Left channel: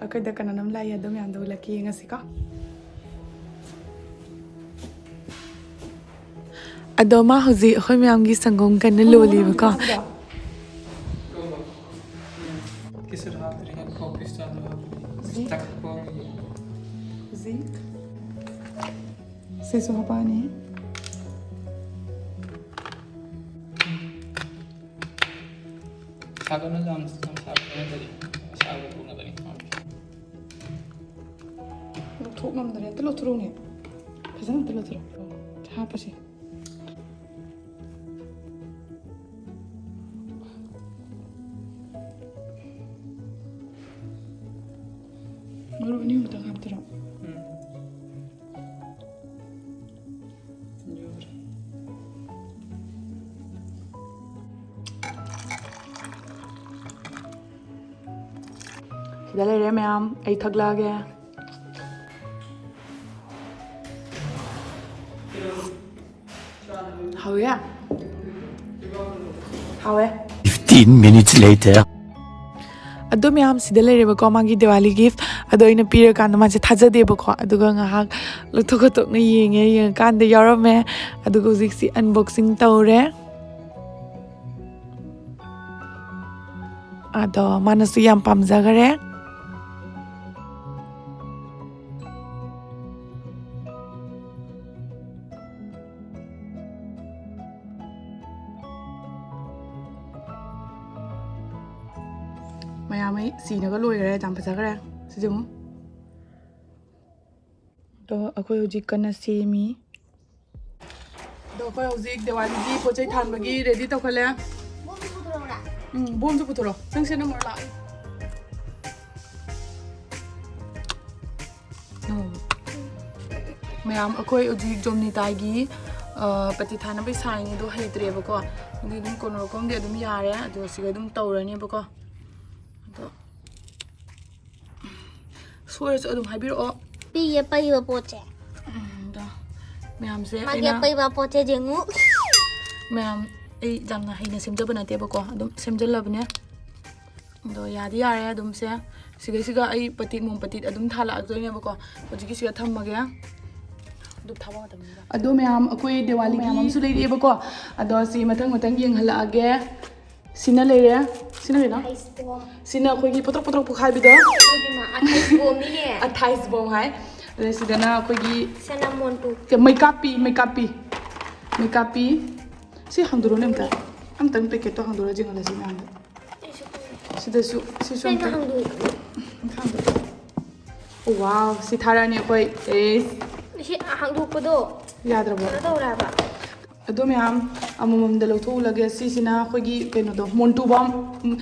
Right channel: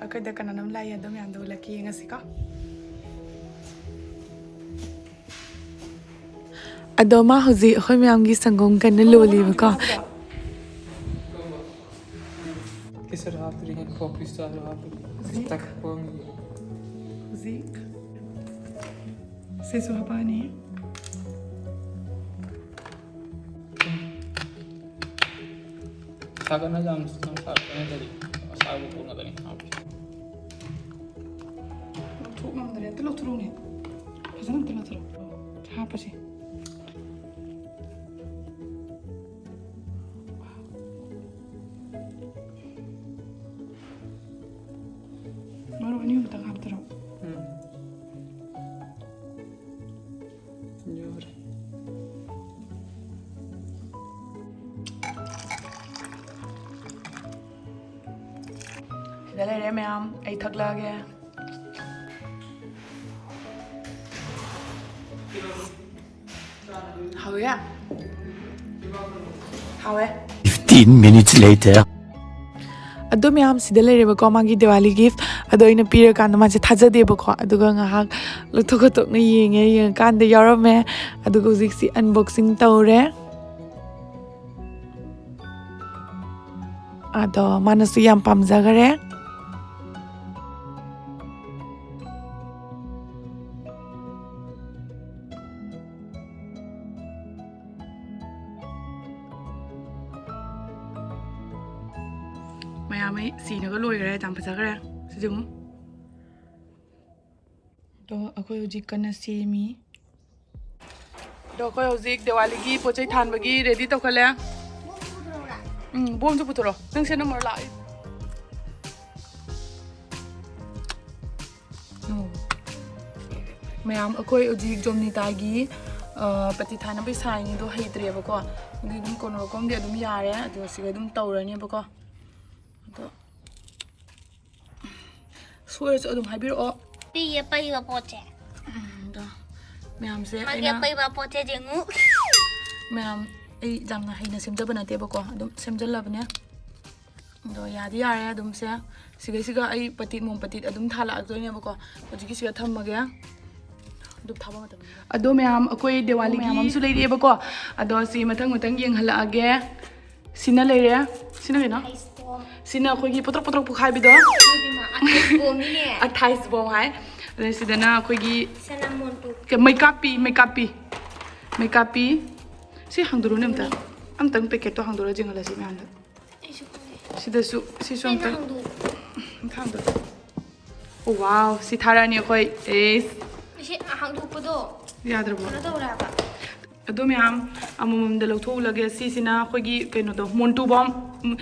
ꯑꯩꯈꯣꯏꯗ ꯀꯅꯥꯅꯣꯝ ꯂꯥꯛꯏ ꯑꯗꯨ ꯃꯌꯥꯝꯗꯣ ꯎꯠꯂꯛꯀꯦ ꯌꯦꯡꯉꯁꯤꯀꯣ ꯑꯗꯣ ꯃꯥ ꯍꯧꯖꯤꯛ ꯑꯩꯈꯣꯏ ꯃꯌꯥꯝꯒꯤ ꯁꯪꯒꯣꯝ ꯀꯟꯅ ꯂꯣꯜꯂꯤꯕꯀꯣ ꯁꯤꯁꯨ ꯍꯥꯞꯄꯛꯑꯅꯤ ꯂꯧꯊꯣꯛ ꯉꯝꯗ꯭ꯔꯦ ꯑꯝꯇ ꯂꯧꯊꯣꯔꯛꯎꯅꯦ ꯐꯖꯅ ꯑꯝꯇ ꯂꯧꯊꯣꯔꯛꯑꯣ ꯍꯥꯞꯄꯁꯦ ꯃꯔꯨ ꯑꯅꯤ ꯑꯍꯨꯝꯇꯪ ꯍꯥꯞꯇꯔꯣ ꯁꯤꯗ ꯂꯩꯔꯦ ꯃꯌꯥꯝ ꯑꯩ ꯊꯛꯂꯛꯑꯒꯦ ꯍꯥꯎꯋꯦ ꯍꯥꯎꯋꯦ 15 minutes later. ꯑꯗꯣ ꯃꯌꯥꯝ ꯁꯤꯗ ꯂꯩꯔꯦꯕꯀꯣ ꯃꯥꯒꯤ ꯗꯤꯋꯥꯂꯤ ꯒꯤꯐ ꯑꯗꯣ ꯑꯩꯅ ꯄꯤꯔꯀꯥꯟꯗ ꯃꯥꯁꯦ ꯊꯥꯖꯗꯦꯕꯀꯣ ꯑꯗꯨꯒ ꯉꯥꯏꯍꯥꯛ ꯂꯧꯊꯣꯛ ꯈꯣꯠꯇꯣꯛꯅ ꯌꯦꯡꯉꯀꯥꯟꯗ ꯌꯥꯎꯔꯝꯃꯦ ꯑꯗꯨꯒ ꯍꯧꯖꯤꯛꯁꯤ ꯑꯟꯕꯣꯛꯁꯤꯡ ꯇꯧꯔꯦ ꯑꯗꯣ ꯃꯥꯅꯁꯨ ꯌꯥꯝ ꯄꯥꯝꯖꯈꯔꯦ ꯃꯌꯥꯝ ꯑꯩ ꯁꯤꯅꯒ ꯂꯣꯏꯈꯔꯦ ꯌꯥꯝ ꯐꯖꯈ꯭ꯔꯦ ꯁꯤꯁꯦ ꯑꯃꯨꯛ ꯑꯗꯣ ꯑꯩꯈꯣꯏ ꯍꯧꯖꯤꯛ ꯀꯟꯅ ꯁꯦꯝꯃꯤ ꯑꯗꯣ ꯑꯩꯈꯣꯏ ꯍꯧꯖꯤꯛ ꯗꯤꯋꯥꯂꯤꯒꯤ ꯄꯣꯠ ꯆꯩ ꯊꯥꯟꯕꯒꯤ ꯔꯦꯗꯤ ꯇꯧꯈꯠꯂꯦ ꯕꯣꯝꯁꯨ ꯄꯨꯊꯣꯔꯛꯑꯣ ꯅꯪ ꯁꯦ ꯅꯝꯕꯔ ꯂꯥꯛꯑꯦ ꯃꯌꯥꯝ ꯑꯩꯈꯣꯏ ꯍꯧꯖꯤꯛ ꯖꯣꯝꯅꯤꯇꯥꯒꯤ ꯄꯇꯤ ꯊꯥꯅꯕꯒꯤ ꯁꯥꯏꯟꯗꯣ ꯍꯩꯇ꯭ꯔꯦꯕꯀꯣ ꯑꯗꯨꯗꯤ ꯑꯗꯨꯝ ꯀꯣꯟꯅꯔꯛꯐꯝꯗꯤ ꯑꯗꯨꯝ ꯌꯥꯔꯦ ꯑꯗꯣ ꯁꯤꯒ ꯑꯗꯨꯝ ꯇꯧꯔꯅꯦꯕꯀꯣ ꯑꯗꯣ ꯁꯣꯏꯔꯁꯨ ꯑꯗꯨꯝ ꯍꯥꯏꯕꯤꯔꯛꯑꯣ ꯄꯤꯒꯦ ꯄꯩꯕ ꯄꯣꯠꯁꯦ ꯑꯗꯣ ꯃꯌꯥꯝꯁꯦ ꯃꯥꯒꯤ ꯄꯩꯕ ꯄꯣꯠꯁꯦ ꯌꯦꯡꯉꯨ ꯃꯌꯥꯝ ꯑꯩ ꯌꯥꯝꯅ ꯍꯩꯅ ꯁꯦꯝꯖꯕ ꯅꯠꯇꯦꯕꯀꯣ ꯑꯗꯨꯝ ꯁꯦꯝꯖꯜꯂꯕꯅꯦ ꯑꯗꯣ ꯌꯥꯗꯤ ꯌꯥꯔꯦ ꯑꯗꯨꯝ ꯁꯦ ꯁꯤꯒ ꯑꯩ ꯄꯇꯤꯠ ꯃꯣꯝ ꯄꯇꯤꯠ ꯑꯗꯨꯝ ꯊꯥꯜꯂꯛꯑꯗꯣꯏꯅꯦꯕꯀꯣ ꯍꯧꯖꯤꯛꯀꯤ ꯁꯤꯒ ꯊꯝꯃꯒꯦ ꯑꯗꯨ ꯊꯥꯕ ꯃꯇꯝꯗ ꯑꯗꯣ ꯃꯌꯥꯝ ꯑꯩꯈꯣꯏ ꯗꯤꯋꯥꯂꯤꯒꯤ ꯃꯌꯥꯝ ꯑꯃꯁꯨ ꯂꯩꯔꯛꯑꯦꯕꯀꯣ ꯑꯗꯣ ꯁꯤ ꯃꯊꯪ ꯌꯦꯡꯍꯜꯂꯛꯑꯒꯦ ꯁꯤꯅ ꯂꯩꯔꯦ ꯁꯤꯅ ꯀꯩꯅꯣ ꯁꯤꯅ ꯑꯩꯈꯣꯏꯒꯤ ꯄꯣꯇ꯭ꯔꯣꯛ ꯄꯣꯛꯈꯥꯏꯕꯤꯗꯣ ꯑꯊꯥꯏꯁ ꯕꯣꯝ ꯍꯥꯏ ꯑꯗ ꯁꯤꯗꯅ ꯑꯩꯈꯣꯏꯒꯤ ꯃꯩꯀꯥꯞꯄꯤ ꯁꯤ ꯍꯥꯡꯗꯣꯔꯛꯎꯅꯦ ꯑꯝꯇꯪ ꯄꯦꯀꯦꯠꯇꯣ ꯍꯥꯡꯗꯣꯔꯛꯑ ꯌꯦꯡꯍꯜꯂꯁꯤ ꯃꯌꯥꯝꯗ ꯁꯤꯗꯁꯨ ꯁꯤꯁꯨ ꯑꯝꯇꯪ ꯋꯥꯎ ꯁꯤ ꯊꯥꯔꯛꯑꯅꯤ ꯑꯩꯈꯣꯏ ꯁꯤ ꯍꯥꯡꯗꯣꯛꯄꯗꯣ ꯌꯥꯗ꯭ꯔꯕꯣ ꯇꯧꯔꯦ ꯍꯥꯏꯕ ꯑꯗꯣ ꯃꯌꯥꯝ ꯑꯃꯃꯝꯗ ꯂꯧꯊꯣꯛꯎꯂꯒꯦ ꯁꯤꯁꯤꯅ ꯑꯩꯈꯣꯏꯒꯤ ꯀꯩꯅꯣꯗꯣ ꯃꯣꯟꯇꯨꯕꯣꯝ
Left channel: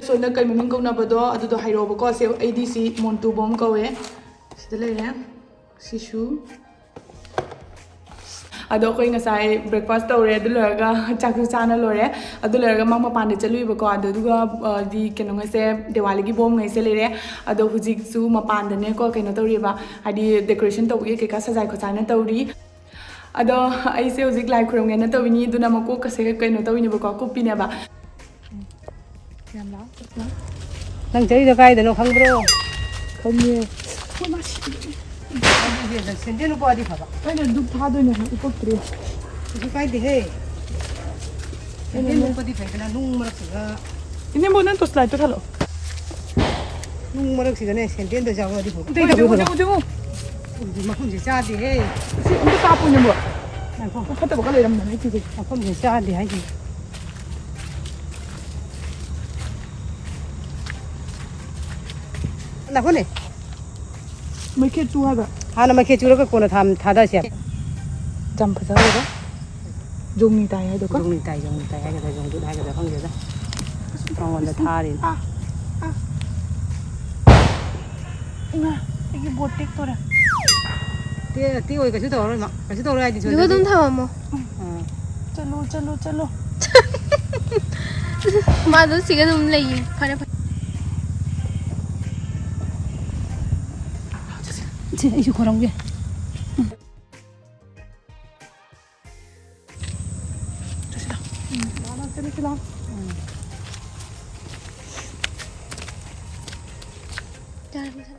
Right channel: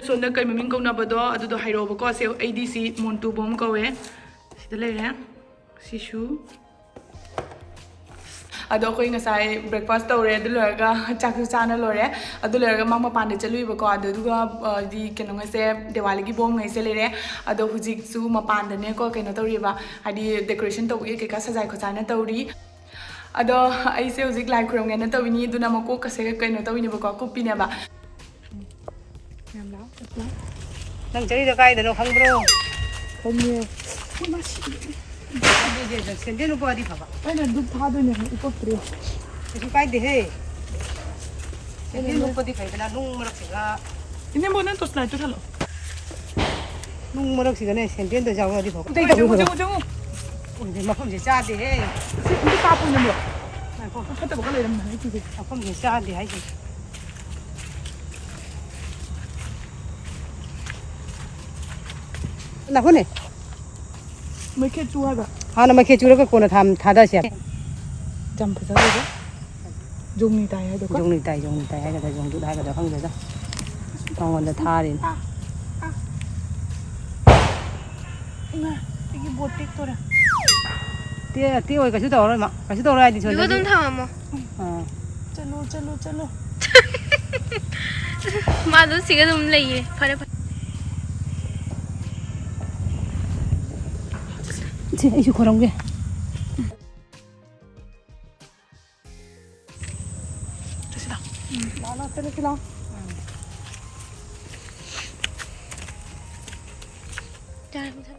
ꯁꯣꯝꯗ ꯀꯩ ꯃꯃꯤꯡ ꯀꯧꯅꯕꯗꯣ ꯑꯗꯨꯗꯣ ꯍꯥꯏꯔꯛꯑꯣꯕꯀꯣ ꯁꯤ ꯑꯩꯗꯤ ꯁꯤ ꯃꯣꯟꯇꯨꯕꯣꯝ ꯀꯧꯋꯦ ꯁꯤꯗ ꯂꯩꯔꯦ ꯁꯤꯁꯨ ꯑꯗꯣ ꯑꯩꯈꯣꯏ ꯉꯁꯥꯏ ꯕ꯭ꯔꯦꯛꯐꯥꯁט ꯇꯧꯔꯦ ꯑꯗꯨ ꯂꯣꯏꯔꯒ ꯆꯥꯛꯁꯨ ꯆꯥꯅ ꯂꯣꯏꯔꯦ ꯑꯗꯨ ꯂꯣꯏꯔꯒ ꯃꯄꯥꯟꯗ ꯆꯠꯂꯨꯏꯕꯀꯣ ꯑꯗꯨꯒ ꯀꯩꯅꯣꯉꯩꯁꯦ ꯗꯤꯋꯥꯂꯤꯒꯤ ꯕꯣꯝꯉꯩꯁꯦ ꯂꯩꯔꯦ ꯑꯗꯣ ꯍꯧꯖꯤꯛꯁꯨ ꯃꯄꯥꯟꯗꯅꯦꯀꯣ ꯀꯩꯅꯣ ꯇꯧꯔꯤꯕ ꯍꯥꯏꯗꯤ ꯗꯦꯀꯣꯔꯦꯁꯟ ꯇꯧꯕꯒꯤ ꯀꯩꯀꯥ ꯁꯖꯥꯏ ꯈꯣꯠꯆꯥꯏꯅ ꯇꯧꯔꯤ ꯑꯗꯣ ꯑꯩꯁꯦ ꯍꯧꯖꯤक ꯂꯥꯏ ꯈꯨꯔꯝꯒꯦꯅ ꯇꯧꯏꯅꯤ ꯑꯗꯨꯅ ꯃꯀꯣꯛꯀꯁꯦ ꯀꯩꯅꯣ ꯇꯧꯏꯅꯦꯕꯀꯣ ꯀꯨꯞꯄꯤꯅꯦꯕ ꯌꯥꯝ ꯂꯥꯎ ꯅꯪ ꯆꯩꯗꯣ ꯀꯥꯏꯗꯅꯣ ꯈꯪꯕ꯭ꯔꯣ ꯈꯪꯉꯦ ꯑꯗꯨꯗꯤ ꯁꯦꯟꯗꯦꯜ ꯎꯞꯄꯛꯑꯗꯤ ꯐꯕ ꯑꯩꯅ ꯙꯨꯞ ꯊꯥꯗꯣꯏꯅꯦ ꯎꯞꯄꯛꯇ꯭ꯔꯤ ꯀꯩꯁꯨ ꯀꯥꯏꯗꯦꯍꯦ ꯁꯦꯟꯗꯦꯜ ꯎꯞꯄꯗꯤ ꯐꯩꯗꯅ ꯅꯨꯡ ꯃꯔꯛꯁꯤꯗ 이네모 난 또 슬라이드 할로. ꯅꯨꯡ ꯃꯔꯛꯁꯤꯗꯅꯦ ꯁꯦꯟꯗꯦꯜꯗꯣ ꯌꯥꯎꯔꯗꯤ ꯐꯕ 저거. ꯃꯐꯝꯁꯦ ꯆꯥꯗꯦꯍꯦ 근데 까고 있는 거야. 갖다 먹을래 이러면 안 돼. ꯃꯐꯝꯁꯦ ꯆꯥꯗꯦ 하지. 나보네. mấy cái chua hả? 하나 막 해주려고 거는 다다시야. 잠 phải sao dùng tay hay được không? dùng tay hay là dùng tụi hay là không vậy đó. Còn là tha đi. 이게 뭐 땡더라. 띄워 cái đầu rồi mà. Cái đầu này thì 누가 좀 타면 뭐. 쩔로. 맞아, 지가 좀 레이. 버려. 이거 그런 거. 됐다. 뜯으시라. 잘 보세요.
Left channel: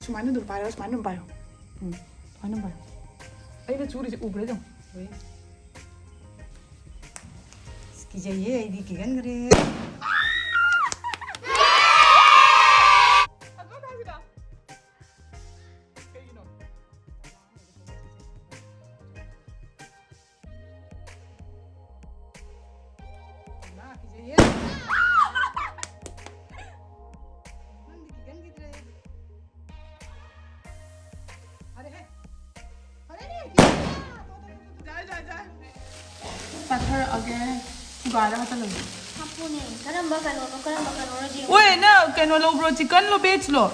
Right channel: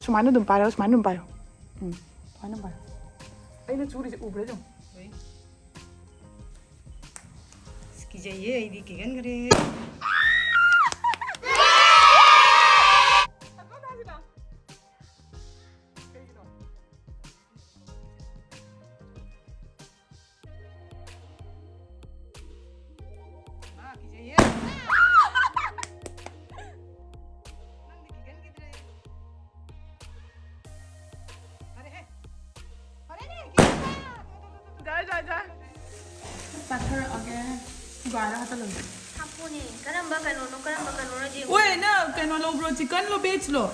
수많은 돈 봐요, 수많은 돈 봐요. 수많은 봐요. 이거 줄이 우브래 좀. 기자예 이디 기간 그래. Butter again. Gà ra tao lần. 하포네. 까람바 까노노 지. Ôi, nó cái nó lâu bro chicken lo beach lo.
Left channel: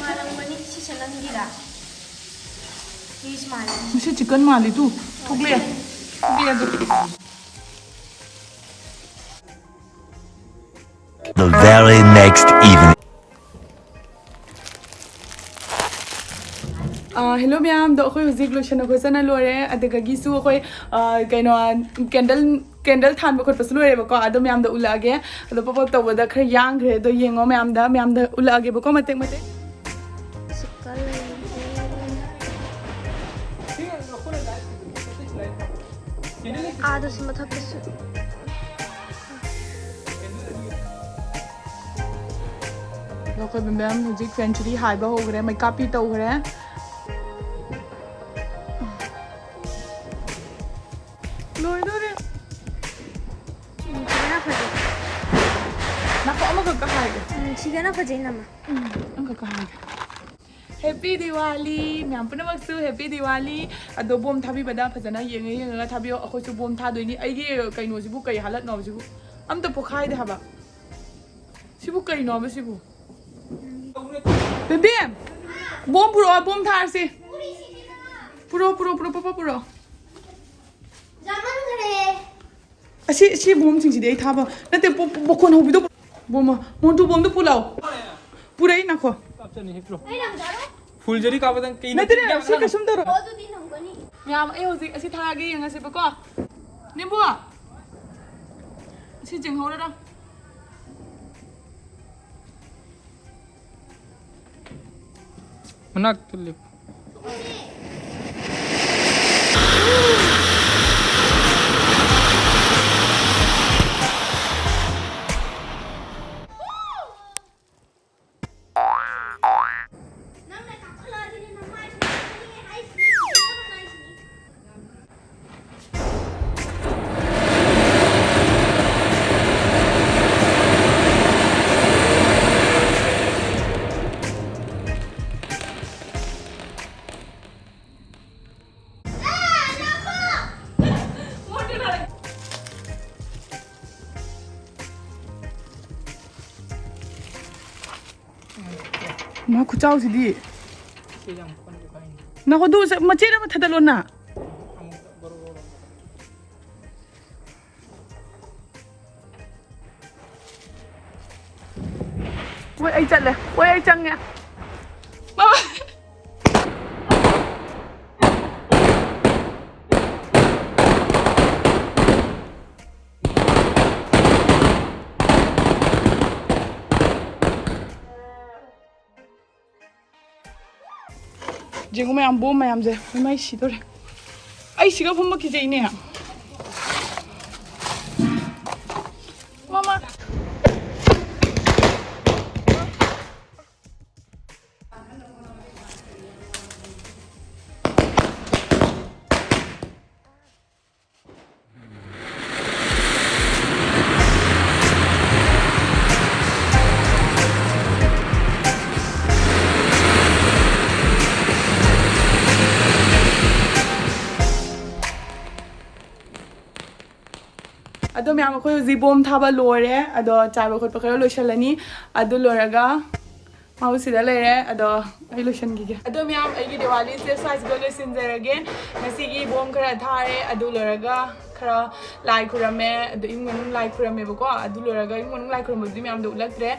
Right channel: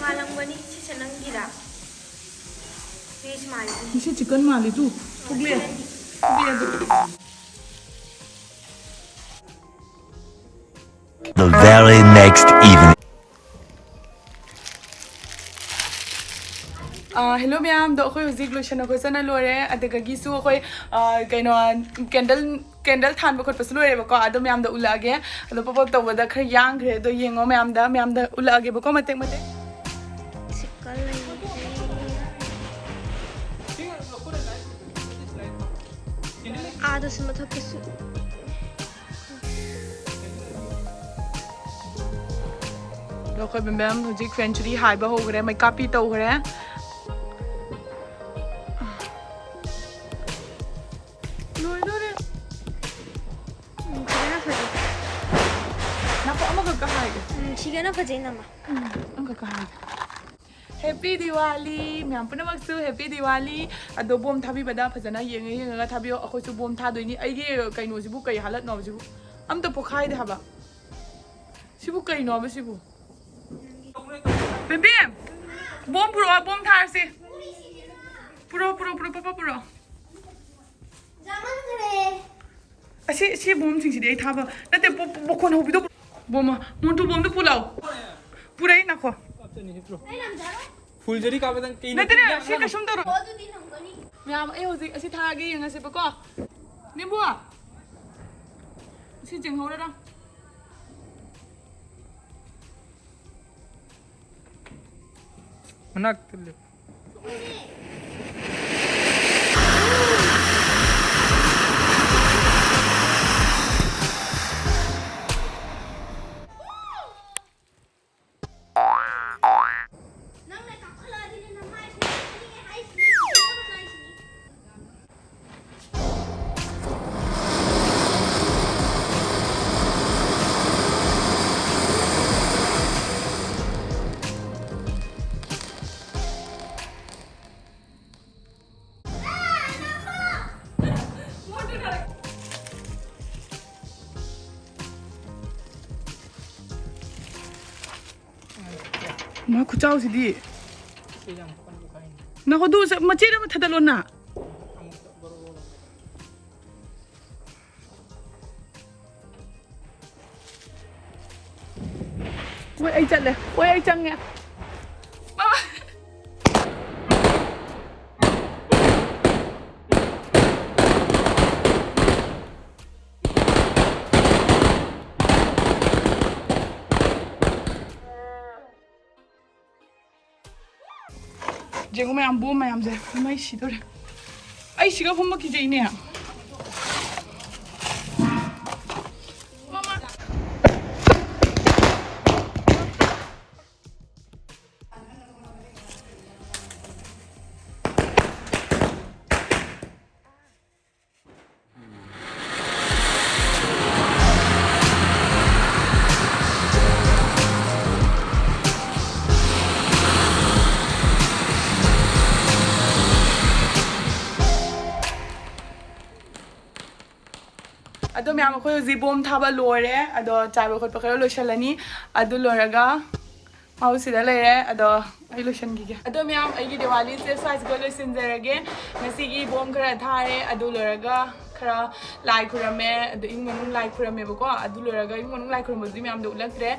말랑거니 시셔랑기라. 이스 말이. Mesti chicken mali tu. Thuk le. The very next evening. Hello ma'am, do khoi huzik lotion ko sana lore adaga gisu khoi kaino candle than ba khot pas lore ba ko ado ma'am da ulage ado pop to da khar yang gre do yengo ma'am da ulage ba ko mate 색깔이. 아도 스마 탑했어. do khoi ma'am huzik century high ba ho gre mai copy to gre loi do re 시계나 파지. na ko ama ka hai ge 시계나 파지 나마. ang ka hai Happy Diwali ma'am puna maksu Happy Diwali ado bom thabi bada phajana yenga thabi akhoi su bom tha doini ai ge kaino sibu kai halat no sibu am ta pokhai de haba sibu kai no ba sibu bem bom bom thar si puro 자만 그래. si bom sing si de tha ba na te bokon hobi do bom mon tu bom do pulau purai na ko 아이 남자로? फुलझरी का आवेदन कहीं na tire si ka sum do 너도 네 농거니? ma'am ai hoji asi tha ge yenga se ba ko ni bua si jing ho da मना तुल्ले 남네 다 컬러리는 남마이 시니 하이시니 여러분 하이시니. ma ku chau si di Sejm पन को खाइन na ko du se ma che ma thadalo na हम बरोबर ôi ai chặn này ôi ai chăng nè mama 지금 mày ăn bố mày làm gì mày xí thôi ai xí cái phong mất cái gì nè mama Ado ma'am ko zibom thaba lore ado chaiba khot pakaro loishalani ado loraga mau sida lere ado ai loishan gi ado ma'am ai gi Diwali se size go loisin jarage ngasi gi bom khara thare ado loraga khara lai khurame adu imung manung lai khurame bako adu loraga imung manung lai khuramadu myam do ulaktre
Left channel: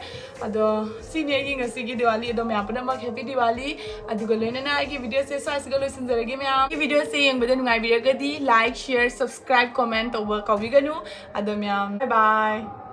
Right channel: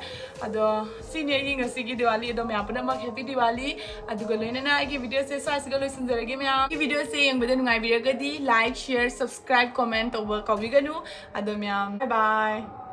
ado sine gi ngasi gi Diwali ado myam puna mak happy Diwali adu ga loina na agi video se sa siga loisin jarage myam gi video se yeng bada nungai biragadi like share subscribe comment over kawiganu ado myam bye bye